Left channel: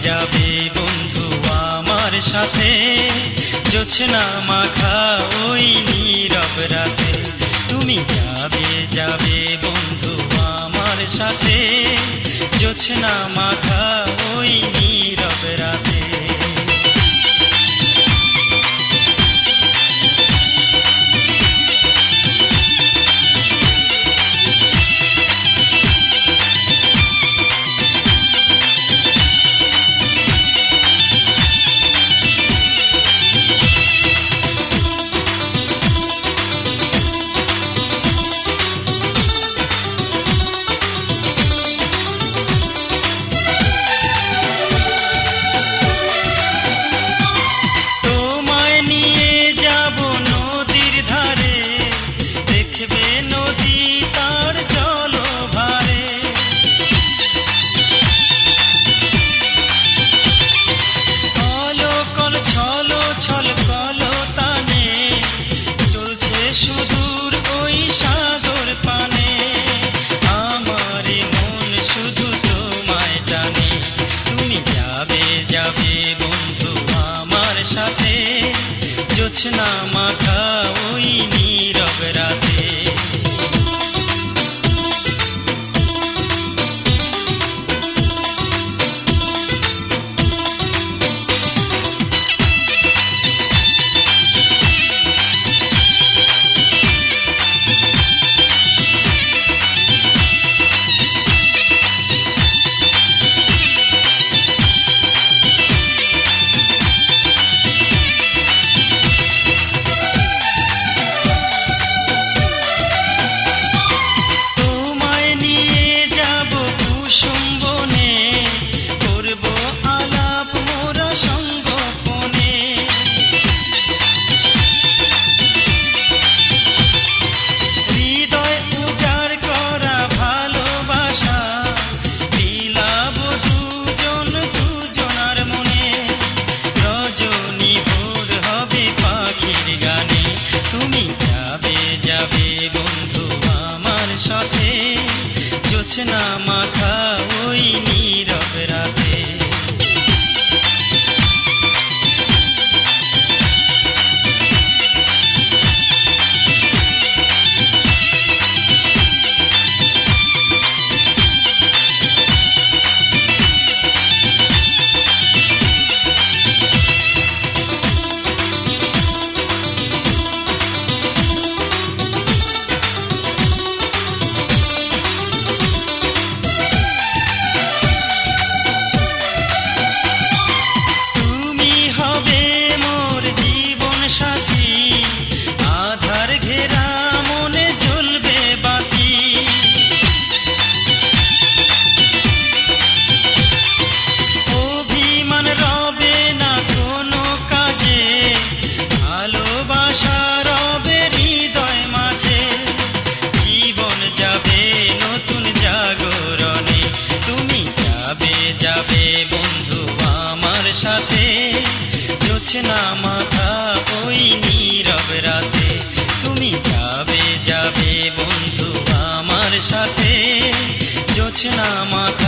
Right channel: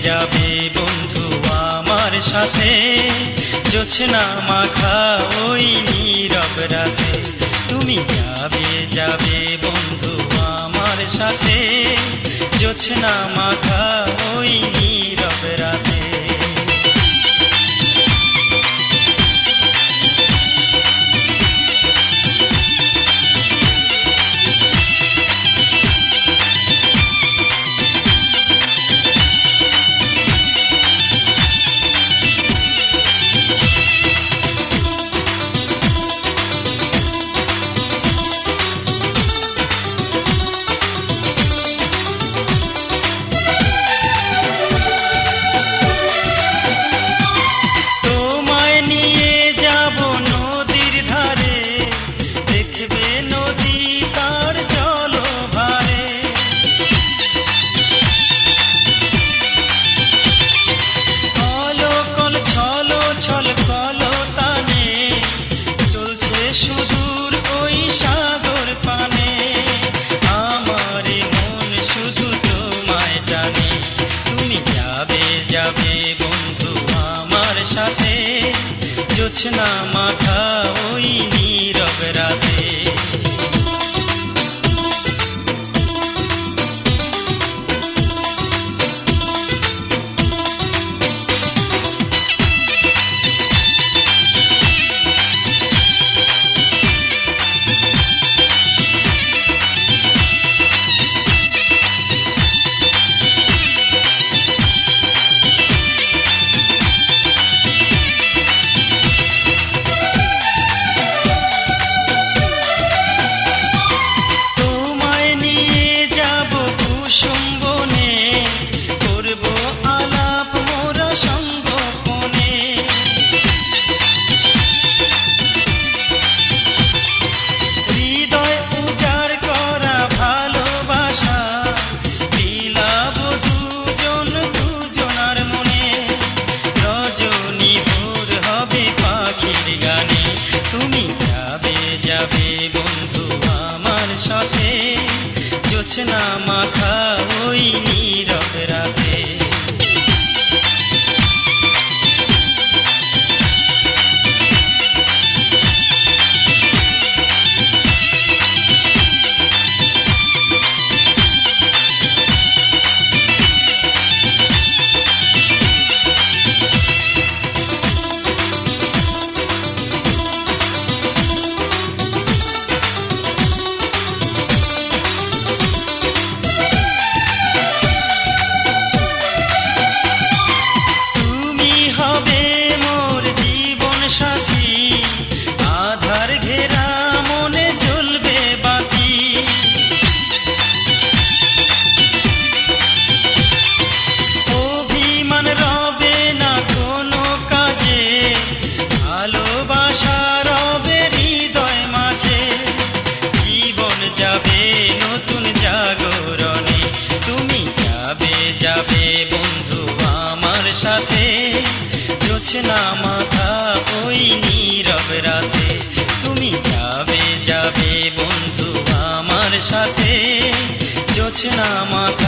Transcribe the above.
যাবে বন্ধু আমার সাথে। জোছনা মাখা ওই নীরব রাতে। তুমি যাবে যাবে বন্ধু আমার সাথে। জোছনা মাখা ওই নীরব রাতে। যাবে যাবে বন্ধু আমার সাথে? জোছনা মাথা ওই নীরব রাতে। জোছনা মাথা সাথে। না মাথা ওই নীরব রাতে। তুমি যাবে যাবে বন্ধু আমার সাথে। জোছনা মাথা